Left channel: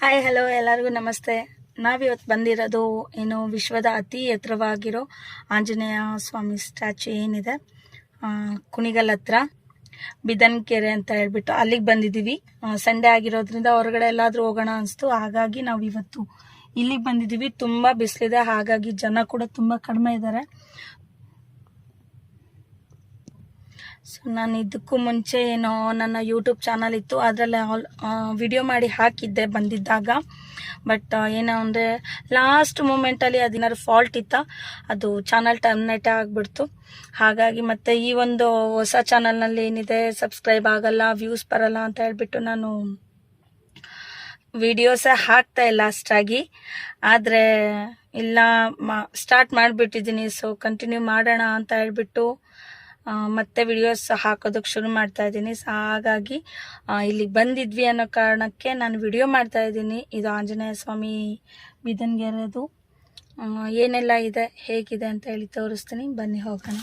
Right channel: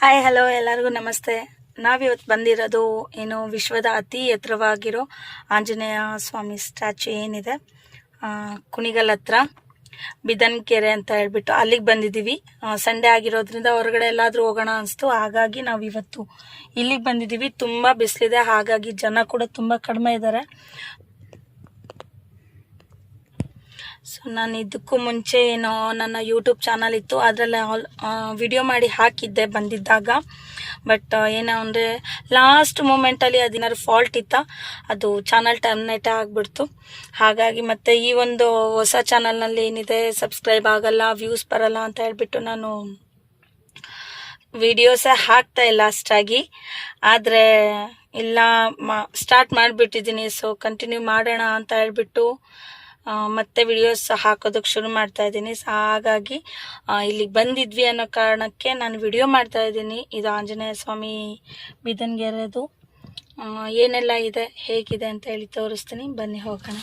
Hi hello ಎಲ್ಲರಿಗೂ ನಮಸ್ತೆ. ನಾವಿವತ್ತು ಬಂದಿರೋದು ಏನು ವಿಶ್ವದ ಅತಿ ಎತ್ತರವಾಗಿರೋ ಆಂಜನೇಯ ಸ್ವಾಮಿ ಸ್ಟ್ಯಾಚು ಏನಿದೆ ಕುಣಿಗಲ್ ಹತ್ರ ಬಿದನ್ಕೆರೆ ಅಂತ ಹೇಳ್ಬಿಟ್ಟು ಅಲ್ಲಿಗೆ ಬಂದಿದ್ದೀವಿ. ಸಂಡೇ ಆಗಿರೋದ್ರಿಂದ ಹೊರಗಡೆ ಎಲ್ಲಾದರೂ ಹೋಗೋಣ ಅನಿಸ್ತು, ಹಾಗಾಗಿ ನಾವು ಇವತ್ತು ಇಲ್ಲಿಗೆ ಬಂದಿದ್ದೀವಿ. ತುಂಬ ಬಿಸಿಲಿದೆ, ಹಾಗಾಗಿ ಜನ ಕೂಡ ತುಂಬ ಕಡಿಮೆ ಇದ್ದಾರೆ. ಸೊ ನಾನು ಇದಕ್ಕೂ ಮುಂಚೆ ಏನೋ ನನ್ನ ಯೂಟ್ಯೂಬ್ ಚಾನಲ್ ಇತ್ತು, ಅದರಲ್ಲಿ ವಿಡಿಯೋ ಮಾಡಿ ಹಾಕಿದ್ದೆ ಬಂದಿದ್ದಾಗ. ಬಟ್ ಏನೋ ಅಂದರೆ ಲಾಸ್ಟ್ ಮೂಮೆಂಟಲ್ಲಿ ಅದೇನಾದ್ರು ಫಾಲ್ಟ್ ಇತ್ತಾ, ಅದು ಚಾನಲ್ ಟರ್ಮಿನೇಟ್ ಆಗಿಬಿಡ್ತು. ಹಾಗಾಗಿ ಮತ್ತೆ ಈ ಒಂದು ಹೊಸ ಚಾನಲ್ನಲ್ಲಿ ಏನಿದೆ ಸಬ್ಸ್ಕ್ರೈಬ್ ಆಗಲ್ಲ, ವ್ಯೂಸ್ ಬರಲ್ಲ ಅಂತ ಹೇಳ್ಬಿಟ್ಟು ನಾನು ವಿಡಿಯೋಸೇ ಹಾಕ್ತಾ ಇಲ್ಲ ಅಷ್ಟಾಗಿ. ಆದರೆ ಇಲ್ಲ ಸ್ಟಾರ್ಟ್ ಮಾಡಿಬಿಟ್ಟಿದ್ದೀನಿ. ಸೊ ಕಂಟಿನ್ಯೂ ಮಾಡೋಣ ಅಂತ ಹೇಳ್ಬಿಟ್ಟು ಮತ್ತೆ ವಿಡಿಯೋಸ್ ಹಾಕೋದಕ್ಕೆ ಶುರು ಮಾಡ್ತಾ ಇದ್ದೀನಿ. ಹಾಗಾಗಿ ಇಲ್ಲಿಗೆ ಬಂದಿದ್ವಿ ಅನ್ನೋ ಕಾರಣಕ್ಕೆ ನಾನು ವಿಡಿಯೋ ಮಾಡ್ತಾ ಇದ್ದೀನಿ. ಇದು ಆಂಜನೇಯ ಸ್ವಾಮಿ ಬಿದನ್ಗೆರೆದು ಏನೆಲ್ಲ ಇದೆ, ಹೇಗಿದೆ ಅಂತ ಹೇಳಿ ತೋರಿಸ್ತೀನಿ. ಬನ್ನಿ ಹೋಗೋಣ.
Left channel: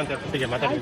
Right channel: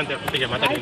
₹50 ಮಾತಾಡಿ.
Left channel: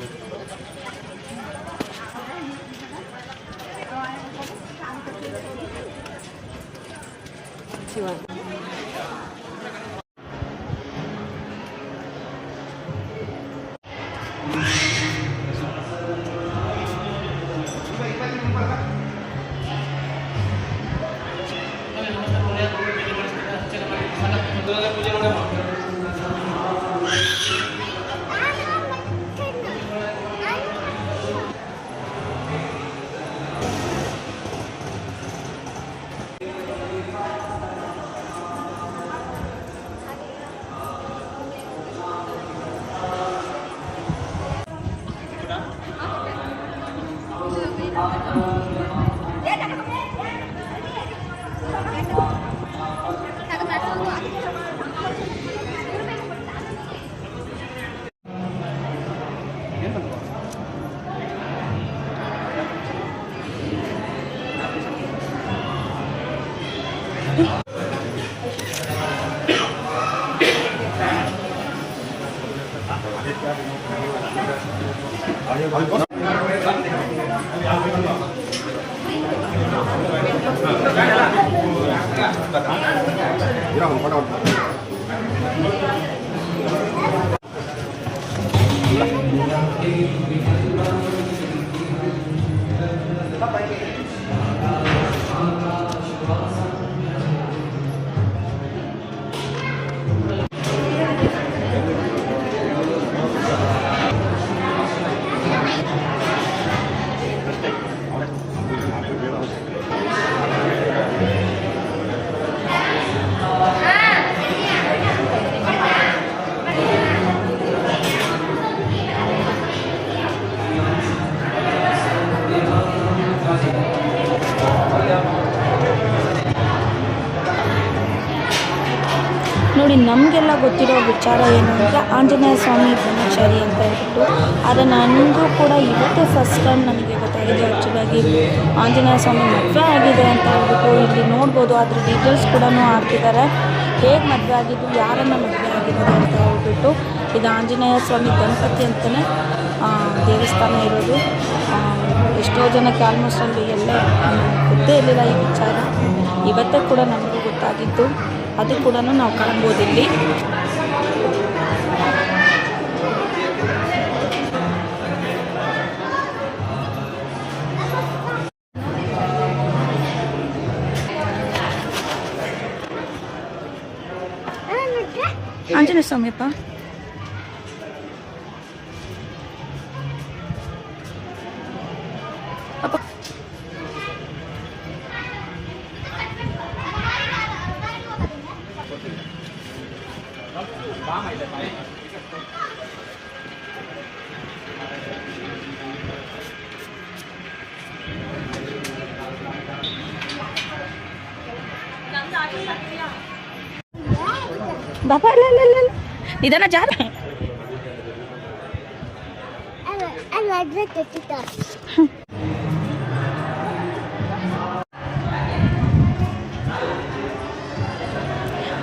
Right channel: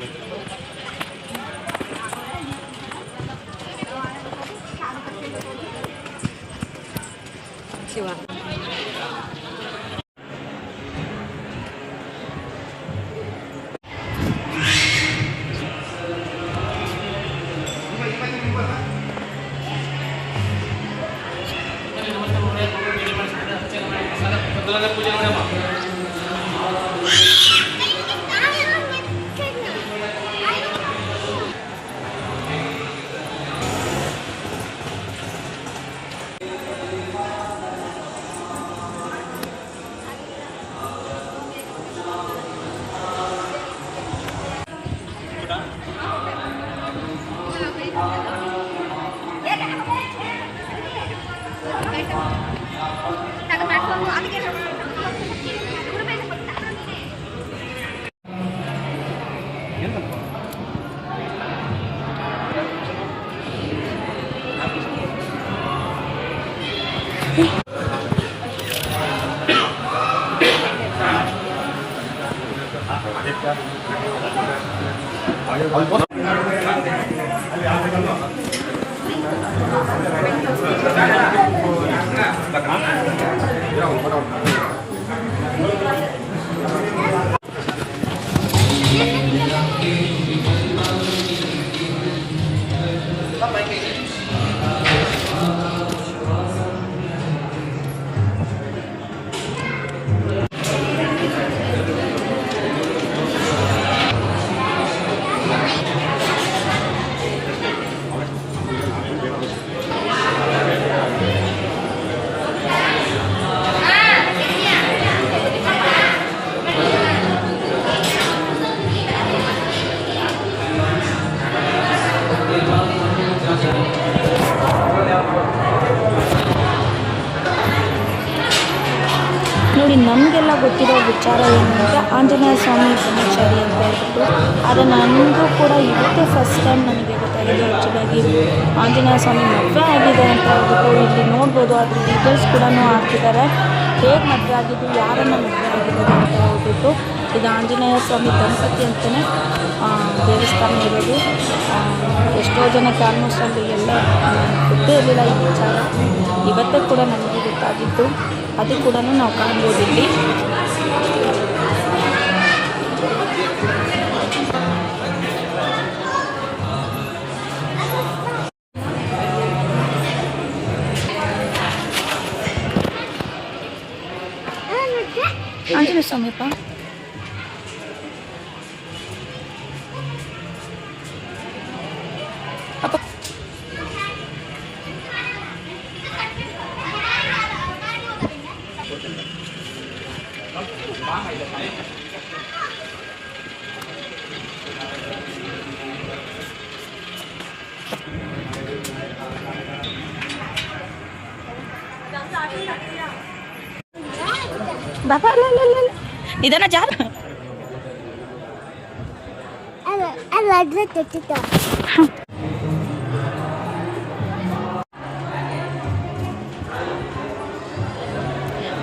ನೋಡಿ, ನಮಗೆಲ್ಲ ಗೊತ್ತಿರೋ ವಿಚಾರ ಏನು ಅಂದರೆ ಆಂಜನೇಯ ಸ್ವಾಮಿ ಬ್ರಹ್ಮಚಾರಿ ಅಂತ ಹೇಳ್ಬಿಟ್ಟು. ಆದರೆ ನನಗೂ ಕೂಡ ಇವತ್ತೇ ಫಸ್ಟ್ ಟೈಮ್ ನನಗೆ ಗೊತ್ತಾಗಿದೆ ಆ್ಯಕ್ಚುಲಾಗಿ ಆಂಜನೇಯ ಸ್ವಾಮಿ ಮದುವೆ ಆಗಿದೆ ಅಂತ ಹೇಳ್ಬಿಟ್ಟು. ಇಲ್ಲಿ ನೋಡ್ಬೋದು, ಅದ್ರ ಡೀಟೇಲ್ಸ್ ಕೂಡ ಹಾಕಿದ್ದಾರೆ, ಹೇಗೆ ಮದುವೆ ಆಗಿದ್ದು, ಯಾರನ್ನು ಮದುವೆ ಆಗಿರೋದು ಅಂತ ಹೇಳ್ಬಿಟ್ಟು. ಇದು ಆಂಜನೇಯ ಸ್ವಾಮಿ ದಂಪತಿ ಅಂತಲೇ ದೇವಸ್ಥಾನ ಇರೋದು. ಎಷ್ಟೋ ಜನಕ್ಕೆ ಆಲ್ಮೋಸ್ಟ್ ಅಲ್ಲಿ ಎಲ್ಲ ಗೊತ್ತೇ ಇರಲಿಲ್ಲ ಈ ವಿಚಾರ. ಇವತ್ತೇ ಕೂಡ ನನಗೂ ಗೊತ್ತಾಗಿದ್ದು, ಅದು ಕೂಡ ನಾವು ಕಾಣ್ಬೋದು ಇಲ್ಲಿ. ಆಂಜನೇಯ ಸ್ವಾಮಿಪ್ಪ ಅಪ್ಪ ಬಾಬಾ ಇದನ್ನ ಜಾರ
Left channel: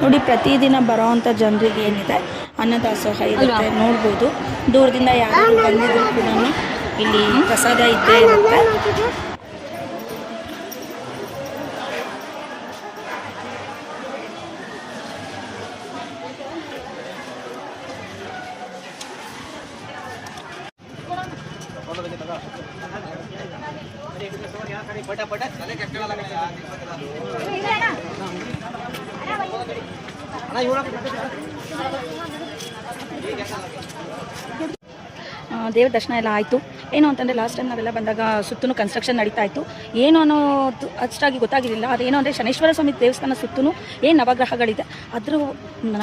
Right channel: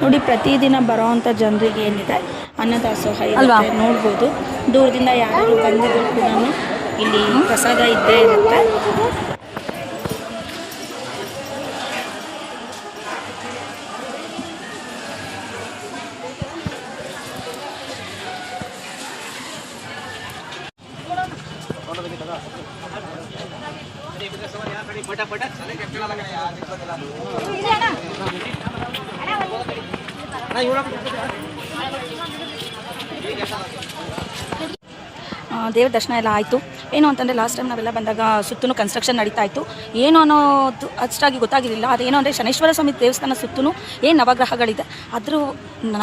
ನೋಡಿ, ಪ್ರತಿದಿನ ಬರೋವಂಥ ಜನರಿಗೆ ಏನಿದೆ ಅನ್ನದಾಸೋಹ ಇರುತ್ತೆ ನೋಡ್ಬೋದು. ದೂರದಿಂದ ಯಾರಾದರೂ ಬಂದಿದ್ರು ಕೂಡ ಇಲ್ಲಿ ಪ್ರಸಾದ ಇದ್ದೇ ಇರುತ್ತೆ. ದೇವ್ರ ದರ್ಶನ ಎಲ್ಲ ಆಯಿತು. ಏನು ಅಂತಂದರೆ ಲಾಸ್ಟ್ ಟೈಮ್ ನಾವೆಲ್ಲ ಬಂದಾಗ ಸುತ್ತಲೂ ಕನ್ಸ್ಟ್ರಕ್ಷನ್ ನಡೀತಾ ಇತ್ತು. ಏನು ಅನ್ನೋದು ಅಷ್ಟಾಗಿ ಗೊತ್ತಾಗಿರಲಿಲ್ಲ. ಅದೇನು ಅಂದರೆ ಶನೇಶ್ವರ ಸ್ವಾಮಿ ದೇವಸ್ಥಾನ ಸುತ್ತಲೂ ಏನು ನವಗ್ರಹಗಳಿದೆ, ಅದ್ರ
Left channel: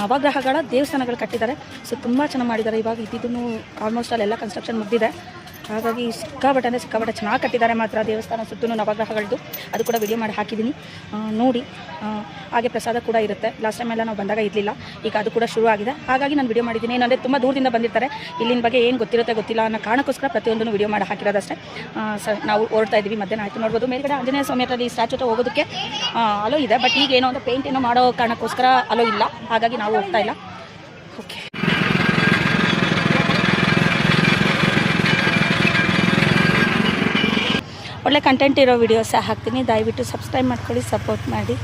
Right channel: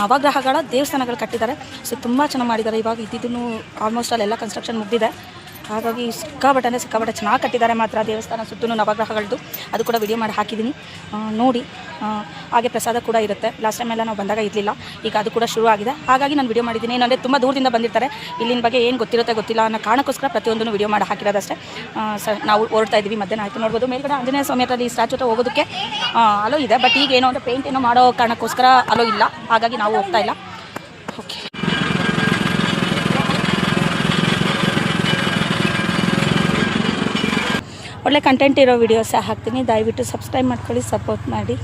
ನವಗ್ರಹಗಳ ದೇವಸ್ಥಾನಗಳು ಕಟ್ಟಿದ್ದಾರೆ. ಸೊ ತುಂಬ ಚೆನ್ನಾಗಿ ಮಾಡಿದ್ದಾರೆ. ಇವಾಗ ಇದ್ದಿದ್ದೂ ಆಲ್ಮೋಸ್ಟ್ ಅಲ್ಲೆಲ್ಲ ಕನ್ಸ್ಟ್ರಕ್ಷನ್ ಮುಗಿದಿದೆ. ಹಾಗಾಗಿ ಸಿಕ್ಕಾಪಟ್ಟೆ ಚೆನ್ನಾಗಿ ಕಟ್ಟಿದ್ದಾರೆ ಮಾತ್ರ ದೇವಸ್ಥಾನ ಸುತ್ತಲೂ ನವಗ್ರಹಗಳದ್ದು. ಅದು ಕೂಡ ವಿಡಿಯೋ ಮಾಡಿ ಹಾಕಿದ್ದೀನಿ, ನೋಡಿ. ಹಾಗೆ ಪ್ರಸಾದ ಕೂಡ ಇರುತ್ತೆ. ಲಾಸ್ಟ್ ಟೈಮ್ ಎಲ್ಲ ನಾವು ಬಂದಾಗ ಇರಲಿಲ್ಲ, ಈಗ ಅದು ಕೂಡ ಶುರು ಆಗಿದೆ. ಹಾಗಾಗಿ ನಾನು ವಿಡಿಯೋ ಮಾಡಿದ್ದೀನಿ. ಏನಂದರೆ ತುಂಬ ದೂರದಿಂದ ಬಂದಿರ್ತಾರೆ, ಇಲ್ಲಿನ ಬಗ್ಗೆ ಏನು ಗೊತ್ತಿರುತ್ತೆ ಗೊತ್ತಿಲ್ಲ ಅನ್ನೋ ಕಾರಣಕ್ಕೋಸ್ಕರ ಪ್ರತಿಯೊಂದನ್ನು ವಿಡಿಯೋ ಮಾಡಿ ಹಾಕಿರೋದಷ್ಟೇ. ನಾವು ಹೊರಡ್ತಾ ಇದ್ದೀವಿ. ಮಧ್ಯಾಹ್ನ ಆಯಿತು ನೋಡ್ಬೋದು. ಮೇಲ್ಗಡೆ ಆಂಜನೇಯ ಸ್ವಾಮಿ ಹತ್ರ ಈ ಸ್ಟ್ಯಾಚು ಹತ್ರ ಹೋಗೋದಕ್ಕೆ ಅಲೋ ಇದೆ. ಬಟ್ ಈಗ ಏನೋ ಅಂದರೆ ಪೇಂಟ್ ಏನೋ ಮಾಡೋ ಕಾರಣಕ್ಕೋಸ್ಕರ ಅಲೋ ಇಲ್ಲ. ಹಾಗಾಗಿ ನಾವು ಹೋಗ್ತಾ ಇಲ್ಲ. ಓಕೆ, ಒಳ್ಳೆ ಕಂಟೆಂಟ್ ಇರೋ ವಿಡಿಯೋಸೇ ಹಾಕ್ತೀನಿ. ದಯವಿಟ್ಟು ಸಬ್ಸ್ಕ್ರೈಬ್ ಮಾಡ್ಕೊಳ್ಳಿ, ಸಪೋರ್ಟ್ ಮಾಡಿ.